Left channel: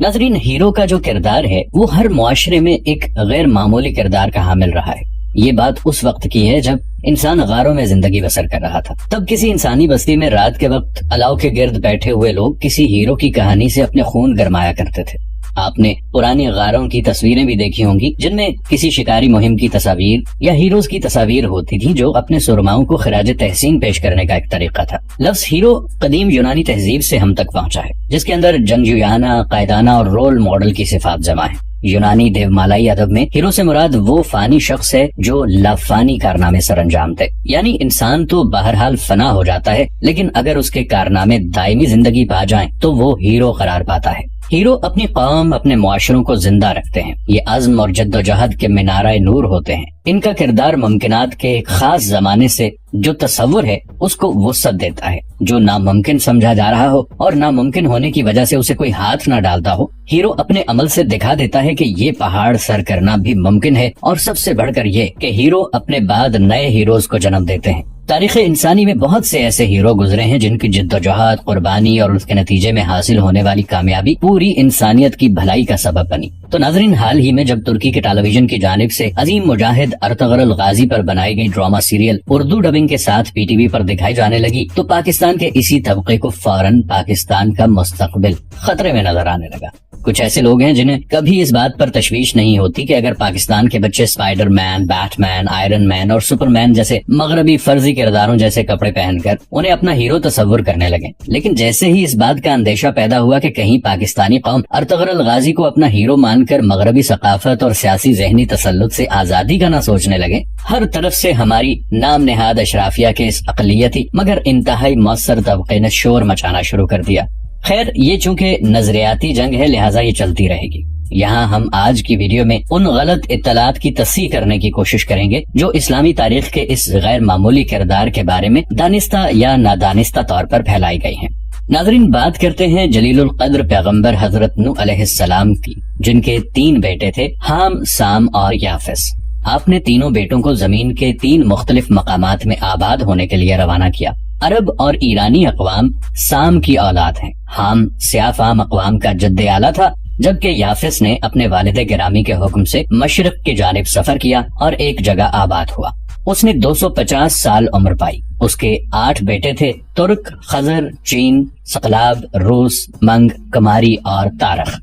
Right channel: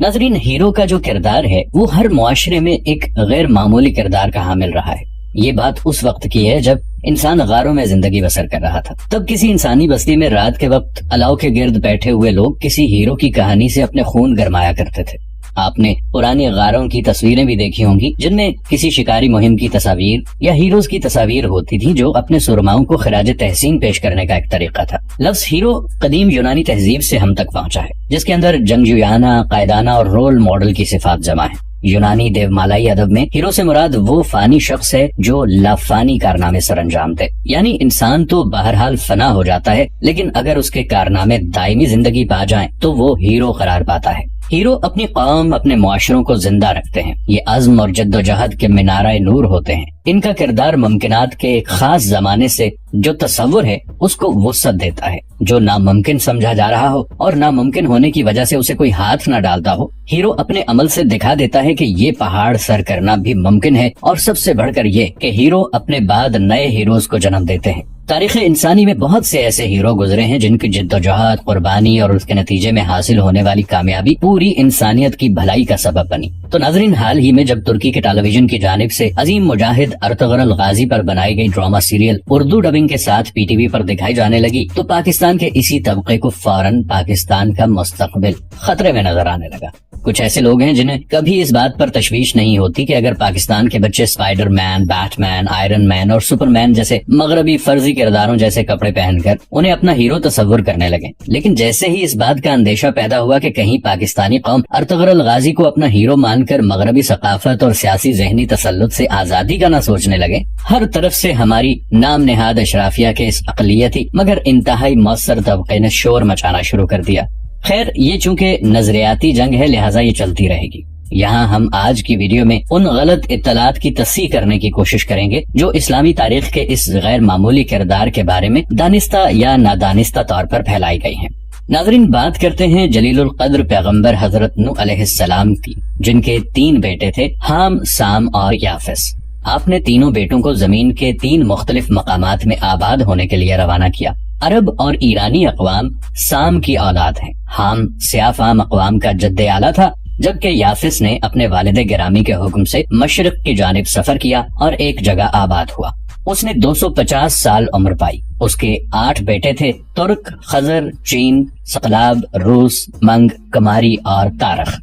ناظرین، ہیرو کا جو کردار ہے وہ ہر معاشرے میں ایک غیر معمولی کردار کا حامل رہا ہے۔ یہ بات اس وقت کی ہے جب انسان غاروں میں زندگی بسر کر رہا تھا۔ تب کسی انسانی بستی میں رات کے وقت الاؤ کے گرد بیٹھے ہوئے لوگ کسی ہیرو کی کہانی سے اپنے خون گرمایا کرتے تھے۔ آپ نے پرانی غاروں کی تصویریں بھی دیکھی ہوں گی جن میں کسی شکاری مہم کی تصاویر یا ہیروز کی تصاویر ہوتی تھی جو اپنے سرماؤں کو خراج تحسین پیش کرنے کا ایک طریقہ تھا۔ لفظ ہیرو قدیم یونانی تہذیب سے ہم تک پہنچا ہے، جس کے اندر جنگجویانہ، قائدانہ اور رول ماڈل کی صفات جمع ہے۔ یونانی دیو مالائی ادب میں ہیرو سے مراد وہ فانی شخص ہے جو لافانی کارنامے سر انجام دے، یعنی انسان تو بہرحال فنا ہو جاتا ہے، لیکن اگر اس کے کارنامے دائمی زندگی پا جائیں تو وہ ہیرو قرار پاتا ہے۔ ہیرو اپنی قوم، اپنے معاشروں کو زندہ رکھتے ہیں۔ یہ عزم اور جد و جہد کے منارہ نور ہوتے ہیں۔ ان کا کردار ممکنات کے ایک خاص زمانے سے جو تصور ہے اس کو وسعت دیتا ہے۔ جو ناممکن سمجھا جا رہا ہو اور ناممکن ہونے کی وجہ سے اسے کوئی ہاتھ نہ ڈالتا ہو، ہیرو اپنے عمل سے دکھا دیتا ہے کہ یہ پہاڑ سر کرنا بھی ممکن ہے، اور سب سے بڑھ کر یہ کہ ہیرو اپنے بعد نئے ہیروز کو جنم دیتے ہیں۔ تاریخ انسانی میں بہت سے ایسے ہیرو گزرے ہیں جن کی جد و جہد، قربانی اور اس کے نتیجے میں حاصل ہونے والی کامیابی پوری انسانیت کی بھلائی کا سبب بنی۔ تو ناظرین، حال ہی میں جب ترکی کے ٹیلی ویژن کی جانب سے عظیم مجاہد ارطغرل غازی پر بنائی گئی ڈرامہ سیریل اردو ڈبنگ کے ساتھ پی ٹی وی پر دکھائی جانے لگی تو پاکستان کے اسی طبقے کو فوراً پاکستان کا مستقبل خطرے میں نظر آنے لگا۔ کچھ ایسے لوگ ہیں جنہیں کبھی اس بات پر تشویش نہیں ہوتی کہ اگر پاکستان کے بچے اسپائڈر مین، بیٹ مین، آئرن مین اور سپر مین جیسے مغربی فرضی کرداروں جیسے کپڑے پہن کر انہیں اپنا ہیرو تصور کرنے لگے، لیکن جیسے ہی اس بات کا اندیشہ پیدا ہوا کہ کہیں پاکستانی قوم ارطغرل غازی کو اپنا ہیرو مان کر مغربی ثقافت اور سیاسی ذہنی تسلط سے آزادی کا نہ سوچنے لگے، ہر طرف سے ہماری نام نہاد اشرافیہ کے اس اقلیتی مگر انتہائی مؤثر طبقے نے شور مچانا شروع کر دیا۔ خیر، یہ چونکہ نظریاتی جنگ ہے لہٰذا یہ چلتی رہے گی۔ یہاں ہم آج کی ویڈیو میں ان غلط اطلاعات کی تصحیح کرنے کی کوشش کریں گے جو اسلامی تاریخ کے اس غیر معمولی کردار کے بارے میں دانستہ یا نادانستہ طور پر پھیلائی گئی ہیں۔ ناظرین، بات کرتے ہیں جلیل القدر پیغمبر حضرت نوح علیہ السلام کی، جن کے 3 بیٹے تھے، حام، سام اور یافس۔ آپ نے تینوں بیٹوں کو زمین کے 3 مختلف مقامات میں آباد ہونے کے لیے روانہ کیا۔ عرب اور ایرانی اقوام سام کی اولاد ہیں۔ حام سیاہ فام اقوام کا جد اعلیٰ تھا، جبکہ یافس نے اپنے والد گرامی کے حکم سے مشرق کی جانب سفر کیا اور ایک جگہ آباد ہوا۔ اس نے 250 سال عمر پائی۔ اس کے 8 بیٹے تھے، ترک، خضر، چین، سقلاب، روس، منگ، کماری اور تارخ۔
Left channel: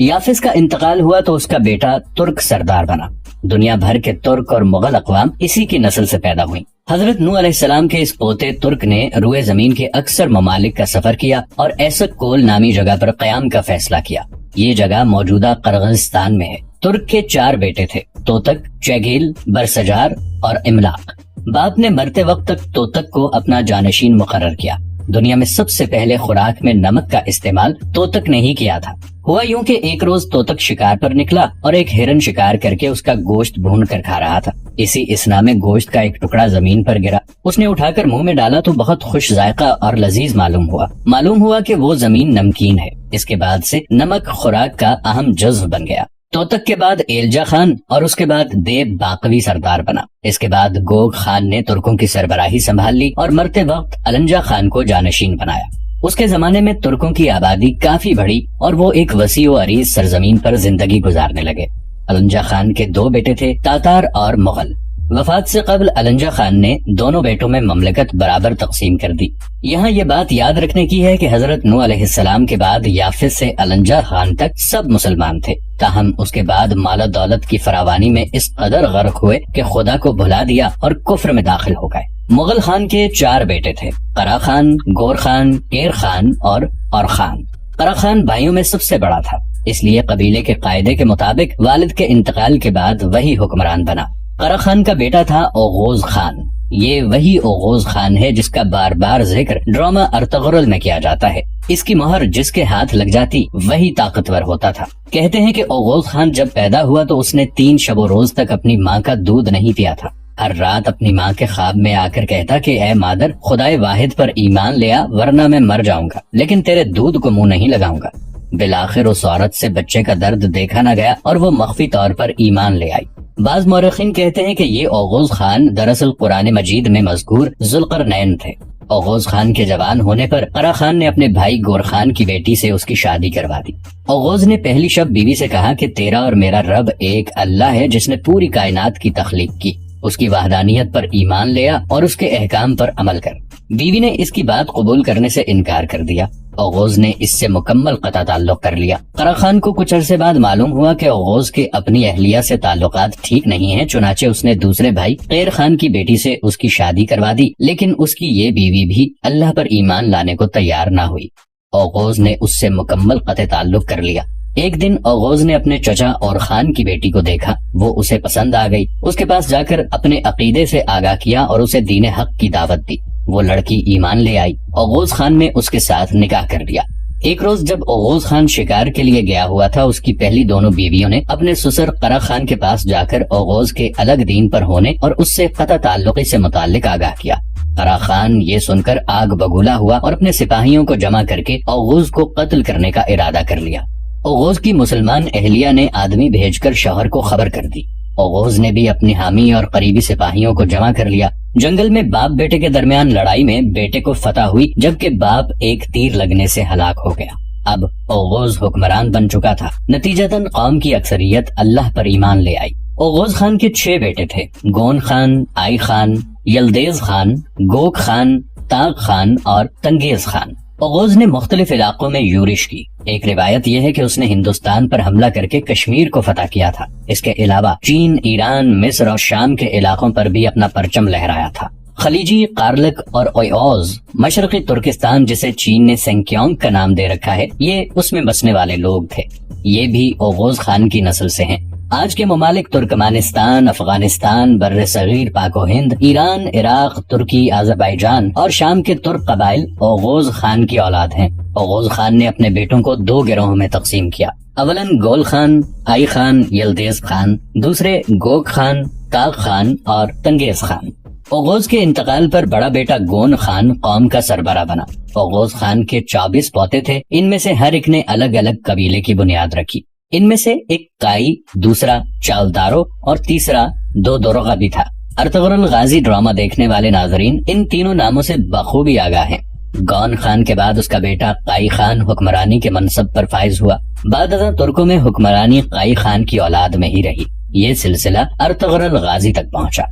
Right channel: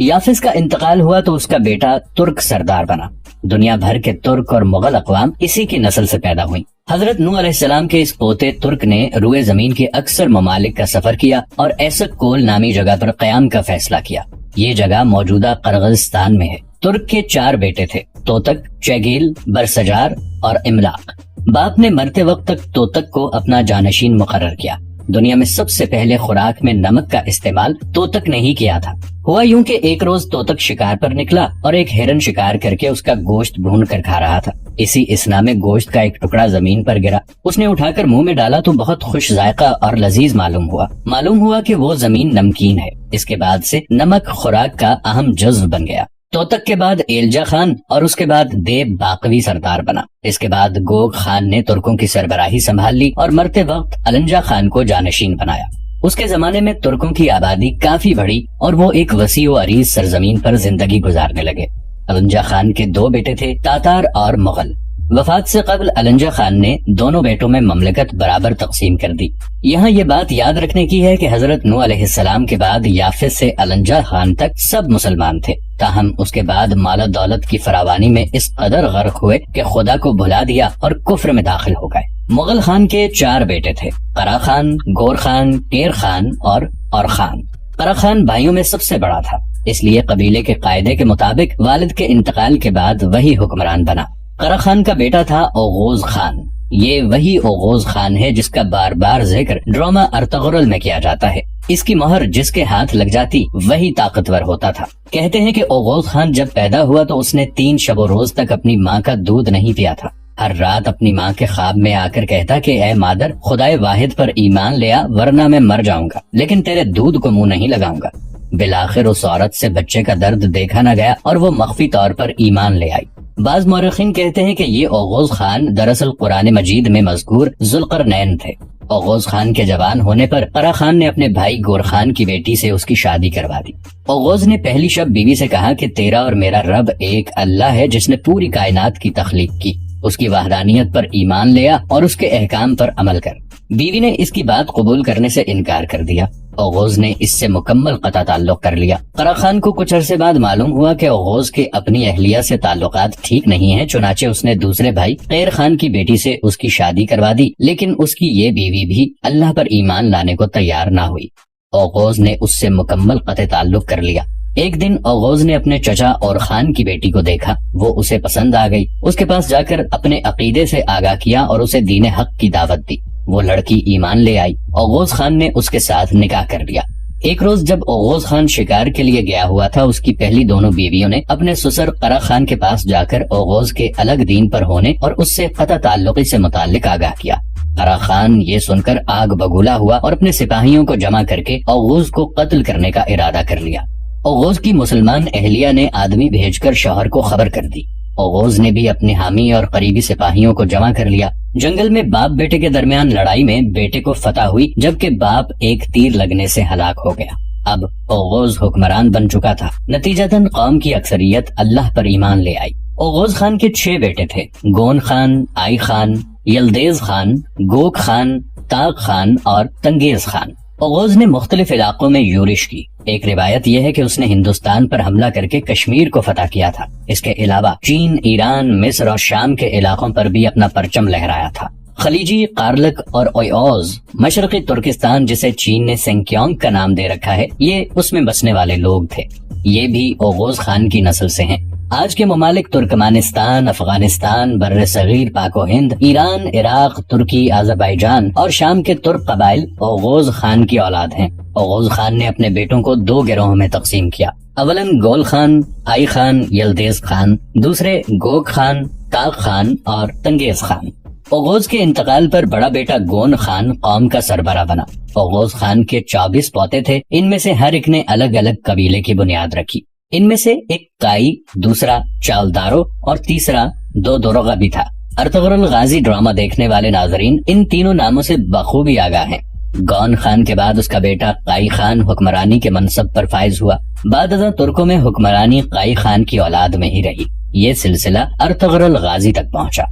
یافس کا انتقال ہوا تو اس کا بیٹا ترک سردار بنا۔ دنیا بھر کے ترک اور مغل اقوام اسی کی نسل سے پیدا ہوئی۔ حضرت نوح علیہ السلام کے اس پوتے ترک نے روئے زمین کے اکثر ممالک کا سفر کیا اور ایسک کول نامی جگہ پر قیام کا فیصلہ کیا۔ یہ جگہ موجودہ قرغیزستان میں ہے۔ ترک کے 4 بیٹے تھے، توتک، چیگیل، برسجار اور املاق۔ باپ نے مرتے وقت تک توتک کو اپنا جانشین مقرر کیا۔ دنیا میں سب سے پہلے خوراک میں نمک کا استعمال توتک نے ہی کیا تھا۔ ہوا یوں کہ ایک روز توتک شکار پر نکلا اور ایک ہرن شکار کر کے اس کا گوشت بھون کر کھا رہا تھا۔ اسی اسنا میں گوشت کا ایک ٹکڑا زمین پر گرا۔ اس نے اٹھا کر منہ میں ڈالا تو بہت خوش ذائقہ اور لذیذ معلوم ہوا کہ وہ زمین نمکین ہے۔ اس کے بعد سے نمک خوراک کا اہم جزو بن گیا۔ توتک کے بعد ایلجا خان اور اس کے بعد دیب باقوی سردار بنا۔ اس کے بعد گوگ خان نے ترکوں کی سربراہی سنبھال لی اور مرتے وقت النجا خان کو جانشین بنایا۔ اس کے زمانے میں ترکوں کی آبادی کافی بڑھی اور وہ ایک وسیع و عریض سرزمین پر زندگی گزارنے لگے۔ النجا خان کے 2 بیٹے تھے، تاتار اور مغل۔ وفات سے قبل النجا خان نے دونوں بیٹوں میں مملکت برابر تقسیم کر دی۔ یہاں یہ بات یاد رکھنے کی ہے کہ حضرت نوح علیہ السلام کے بعد یافس سے النجا خان تک سب مسلمان تھے، تاہم اس کے بعد مال و دولت کی فراوانی میں اس قدر غرق ہوئے کہ خدا کو بھلا دیا اور کفر میں داخل ہو گئے۔ مغل خان کے 4 بیٹے تھے، قرا خان، گور خان، ٹیر خان اور خان۔ قرا خان بھائیوں میں سب سے بڑا تھا، اس لیے قبیلے کے قاعدے کے مطابق والد کے انتقال کے بعد وہی حکمران بنا۔ قرا خان کا بیٹا تھا اوغوز خان۔ یہ وہی اوغوز خان ہے جس کا بار بار ذکر ڈرامہ ارطغرل میں کیا جاتا ہے۔ اس کی مہر جس کے ہاتھ لگ جاتی وہی طاقتور ہوتا تھا۔ کہتے ہیں کہ اوغوز خان جب پیدا ہوا تو اس نے 3 شب و روز تک اپنی ماں کا دودھ نہیں پیا تھا۔ ہر رات اپنی ماں کے خواب میں آ کر کہتا کہ اے مادر، خدائے واحد پر ایمان لیا ورنہ میں مر جاؤں گا، لیکن تیرے دودھ کو منہ نہیں لگاؤں گا۔ بالآخر اس عورت سے بچے کا درد دیکھا نہ گیا اور وہ مخفی طور پر ایمان لے آئی۔ بعض مورخین کہتے ہیں کہ یہ اوغوز خان دراصل قرآن مجید میں مذکور ذوالقرنین تھے۔ اوغوز خان کے جوان ہونے پر قرا خان نے اپنے بھائی گور خان کی بیٹی سے اس کی شادی کروا دی۔ اوغوز نے پہلی شب بیوی سے کہا کہ تیرا اور میرا رب ایک اللہ ہے جس نے پوری کائنات کی تخلیق کی، اس کی وحدانیت پر ایمان لیا اور اس کے احکام پر عمل کر۔ بیوی نے اس کی بات قبول کرنے سے انکار کر دیا۔ اوغوز نے اس سے مکمل قطع تعلق کر لیا۔ قرا خان کو کچھ عرصے بعد معلوم ہوا کہ اوغوز کے اپنی اہلیہ سے تعلقات ٹھیک نہیں ہیں، چنانچہ اس نے دوسرے بھائی قیر خان کی بیٹی سے اس کی شادی کروا دی، لیکن اس کی یہ بیوی بھی اللہ پر ایمان لانے کو تیار نہ ہوئی۔ اوغوز نے اس سے مکمل قطع تعلق کر لیا۔ ایک دن اوغوز نے اپنے چچا اور خان کی بیٹی کو دیکھا، وہ اسے پسند آ گئی۔ اس کے پاس جا کر اپنے عقیدے سے آگاہ کیا اور اسے دین حق کی دعوت دی۔ وہ لڑکی ایمان لے آئی۔ اوغوز خان نے اس کے ساتھ نکاح کر لیا۔ ایک روز جب اوغوز خان شکار کے لیے گیا ہوا تھا، اس کی پہلی دونوں بیویوں نے اپنے سسر قرا خان کے پاس جا کر اوغوز کے الگ دین پر ہونے اور اس سے قطع تعلقی سے متعلق آگاہ کیا۔ قرا خان یہ سن کر آگ بگولا ہوا اور اپنے سپاہیوں کو جمع کر کے اوغوز کو قتل کرنے کا ارادہ کر لیا۔ اوغوز کی مسلمان اہلیہ نے آدمی بھیج کر شوہر کو خبر کر دی۔ اوغوز نے بھی اپنے حامی اور قریبی سپاہیوں کو جمع کر لیا۔ جنگل میں باپ بیٹے کے درمیان لڑائی میں بیٹے کو فتح ہوئی، جبکہ باپ ایک تیر لگنے سے ہلاک ہو گیا۔ اب اوغوز حکمران بن چکا تھا۔ نتیجتاً قوم کی اکثریت اللہ پر ایمان لے آئی۔ اوغوز خان کے 6 بیٹے تھے: گون خان، آئی خان، یلدیز خان، گوک خان، تاغ خان اور تنگیز خان۔ اوغوز نے مختلف علاقوں میں یورش کی۔ ایک روایت یہ ہے کہ اس نے ہندوستان پر حملہ کر کے کشمیر کو فتح کیا تھا۔ اس کے علاوہ چین، ایران، مصر اور شام کے علاقوں پر بھی اپنا پرچم لہرایا تھا۔ خلیجی، قارلک اور اویوز، مشرقی ترکستان جسے چین نے سنکیونگ کا نام دے رکھا ہے، یہ اس میں بسنے والے لوگ تھے۔ یہ بھی اوغوز خان کی نسل سے ہیں۔ آج کے ممالک ترکمانستان، افغانستان، بر صغیر، پاک و ہند، ایران، عراق، ترکی، آذربائیجان اور شام کے ترک قبائل اوغوز خان کی اولاد ہیں۔ اوغوز خان نے اپنے بیٹوں کو 2 گروہوں میں تقسیم کیا۔ اولن گول خان، آئی خان، یلدیز خان، دوسرے گوک خان، تاغ خان اور تنگیز خان۔ اوغوز کے انتقال پر بڑا بیٹا گون خان قوم کا سربراہ بنا۔ اوغوز خان کے 24 پوتے تھے، ان میں سے ہر ایک نے الگ الگ قبیلے کی بنیاد رکھی۔ ان میں سے ایک قائی، دوسرا چاولدارو اور تیسرا دو دورغا بھی تھا۔ ارطغرل غازی ڈرامہ دیکھنے والے ناظرین ان تینوں ناموں سے بخوبی آگاہ ہیں۔ گون خان کے بعد اس کا بیٹا قائی خان حکمرانی کے منصب پر فائز ہوا۔ بعد ازاں ترکوں میں حکمرانی قائی خان کی اولاد میں ہی رہی۔ یہ سلسلہ ارطغرل غازی تک پہنچا۔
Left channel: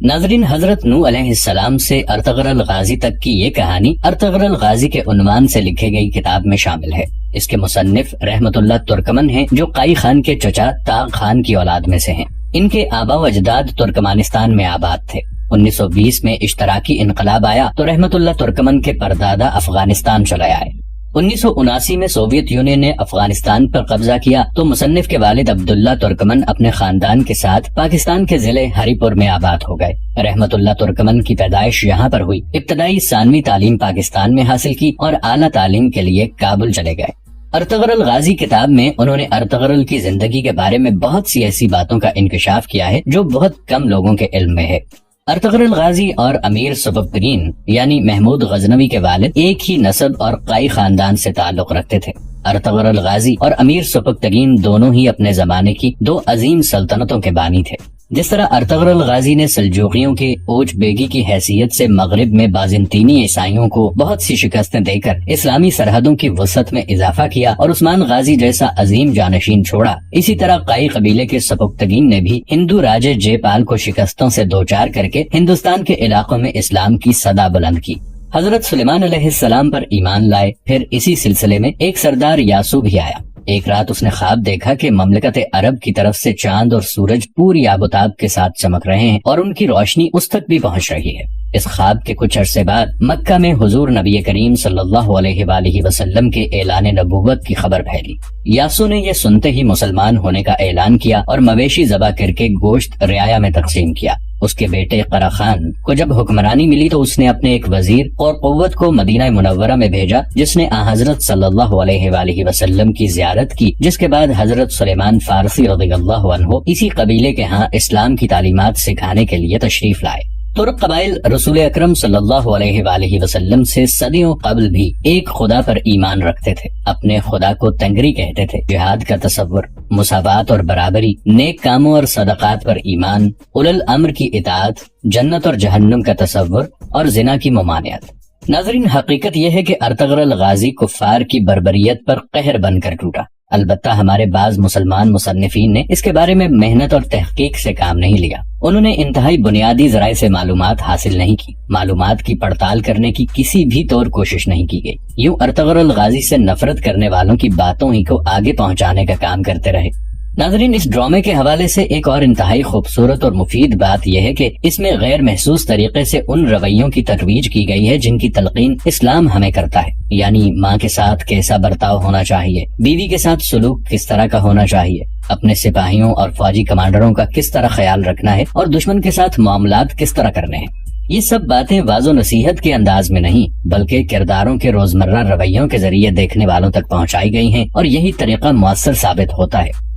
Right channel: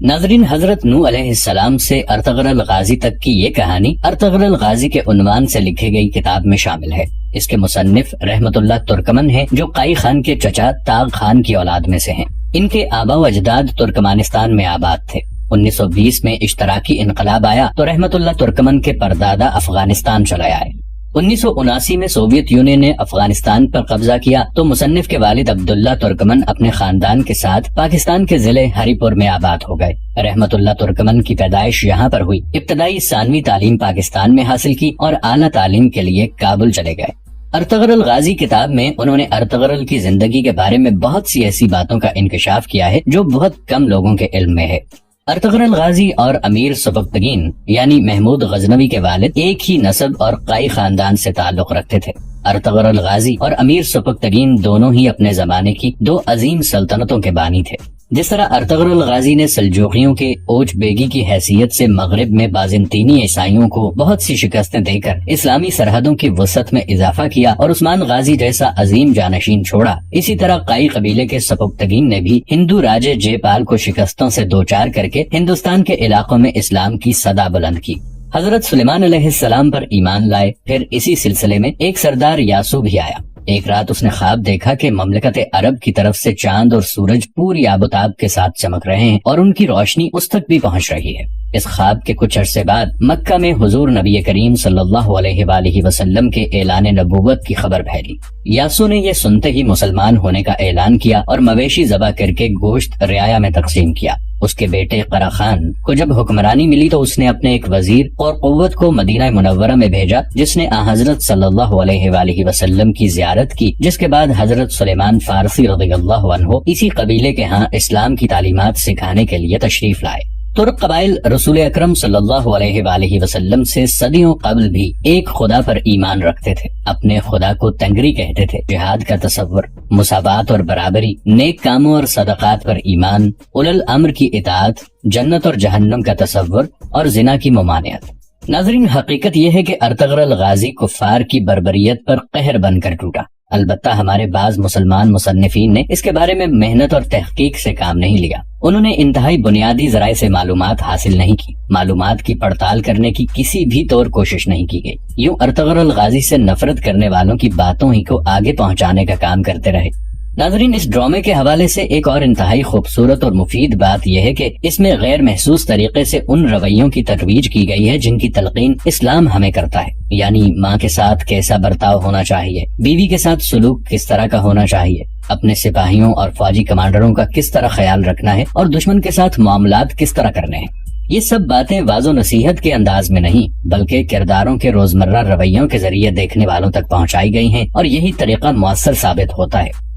ناظرین، حضرت نوح علیہ السلام سے ارطغرل غازی تک کی یہ کہانی ارطغرل غازی کے عنوان سے لکھی گئی کتاب میں شامل ہے۔ اس کے مصنف رحمت اللہ ترکمن ہیں، جو قائی خان کے چچا تاغ خان کی اولاد میں سے ہیں۔ ان کے آبا و اجداد ترکمانستان میں آباد تھے۔ 1920 میں اشتراکی انقلاب آیا تو رحمت اللہ ترکمن کے پردادا افغانستان چلے آئے۔ 1979 میں سوویت یونین نے افغانستان پر قبضہ کیا تو مصنف کے والد عبداللہ ترکمن اپنے خاندان کے ساتھ پاکستان کے ضلع ہری پور میں آباد ہو گئے۔ رحمت اللہ ترکمن کی پیدائش یہاں پر ہوئی۔ ابتدائی ثانوی تعلیم پاکستان میں حاصل کی اور اعلیٰ تعلیم کے لیے کابل چلے گئے۔ ارطغرل غازی کتاب میں انہوں نے ارطغرل کی زندگی کے بارے میں بہت سی ایسی باتوں کا انکشاف کیا ہے جو بہت کم لوگوں کے علم میں ہے۔ ارطغرل غازی اور امیر سبکتگین یعنی محمود غزنوی کے والد ایک ہی نسب اور قائی خاندان سے تعلق رکھتے تھے۔ ارطغرل غازی اور امیر سبکتگین دونوں ہی اپنے زمانے کی 2 عظیم سلطنتوں کے بانی تھے۔ جس طرح ارطغرل غازی نے سلجوقیوں کے اوچ بیگی کی حیثیت سے مغرب میں بازنطینی عیسائیوں کو بہت سی شکستیں دے کر اسلامی سرحدوں کی وسعت میں اضافہ کیا اور عثمان غازی جیسا عظیم جانشین چھوڑا، اسی طرح قائی قبیلے کے سبکتگین نے بھی ہندو راجے جے پال کو شکستوں سے دوچار کر کے ہندوستان کے علاقوں میں اسلام کی صدا بلند کی۔ حضرت سلیمان علیہ السلام پر ایمان لائے۔ پھر اسی سلسلے میں ایک سردار یاسو بھی آیا۔ ایک رات اس نے خواب دیکھا کہ مملکت عرب کی طرف سے چاند اور سورج پوری آبتاب کے ساتھ چمک رہے ہیں اور ان کی روشنی اس تک بھی پہنچ رہی ہے۔ اس خواب کے کچھ عرصے بعد مکہ میں حضور نبی کریم صلی اللہ علیہ وآلہ وسلم کے اعلان نبوت کی خبر پھیلی۔ یاسو نے یہ سنتے ہی مسلمان ہونے کا اعلان کیا اور مویشی ذبح کر کے گوشت رعایا میں تقسیم کیا۔ اس کے بیٹے قرا خان کو جب حکمرانی ملی تو اس نے اپنے ایک وزیر اور قوت کو مدینہ منورہ میں بھیجا، جس نے حضرت صلی اللہ علیہ وآلہ وسلم کی زیارت کی، جس کے بعد حضرت سلیمان فارسی رضی اللہ عنہ اسی قبیلے کے ہاں اسلام کی تعلیمات سکھانے کے لیے تشریف لائے۔ ترک قبائل رسول اکرم صلی اللہ علیہ وآلہ وسلم سے صدیوں قبل بھی ایک خدا پر ایمان رکھتے تھے، اپنے خدا کو تنگری کہتے تھے، جہاد کا تصور، مساوات اور برابری، نیک کاموں اور صدقات پر ایمان، اولی الامر کی اطاعت، جنت اور جہنم کا تصور اور زنا کی ممانعت۔ ناظرین، حقیقت یہ ہے کہ ارطغرل غازی کفار کی بربریت پر قہر بن کر ٹوٹا۔ البتہ ہمارے بعض مسلمان مصنفین نے اس کے بارے میں محنت اور تحقیق سے کام نہیں لیا۔ انہوں نے انتہائی بنیادی ذرائع سے معلومات حاصل نہیں کی، معلومات کی پڑتال کرنے کی کسی بھی طور کوشش نہیں کی گئی، یوں ارطغرل غازی سے نفرت کرنے والوں کی باتوں ہی کو آگے پہنچانے کا کام کرتے رہے۔ ناظرین، اس ڈرامے کے حوالے سے ایک اور انتہائی خوبصورت اور مفید بات یہ ہے کہ اس میں غیر محسوس طریقے سے ان رویوں کی ترویج کی گئی ہے جن کی تلقین اسلام ہمیں کرتا ہے، یعنی ماں کے ساتھ کیسا برتاؤ ہونا چاہیے، بیوی کے ساتھ سلوک کس طرح کا ہونا چاہیے، اپنے سپاہیوں اور فوجی کمانڈروں کا کس طرح خیال رکھنا ہے اور دشمن کے ساتھ معاملات کس طرح کرنے ہیں۔ یہ سب باتیں واض و نصیحت کے انداز میں نہیں بلکہ کرداروں کے روزمرہ رویوں کے ذریعے دیکھنے والوں تک پہنچائی گئی ہیں، اور یہی طریقہ مؤثر ثابت ہوتا ہے۔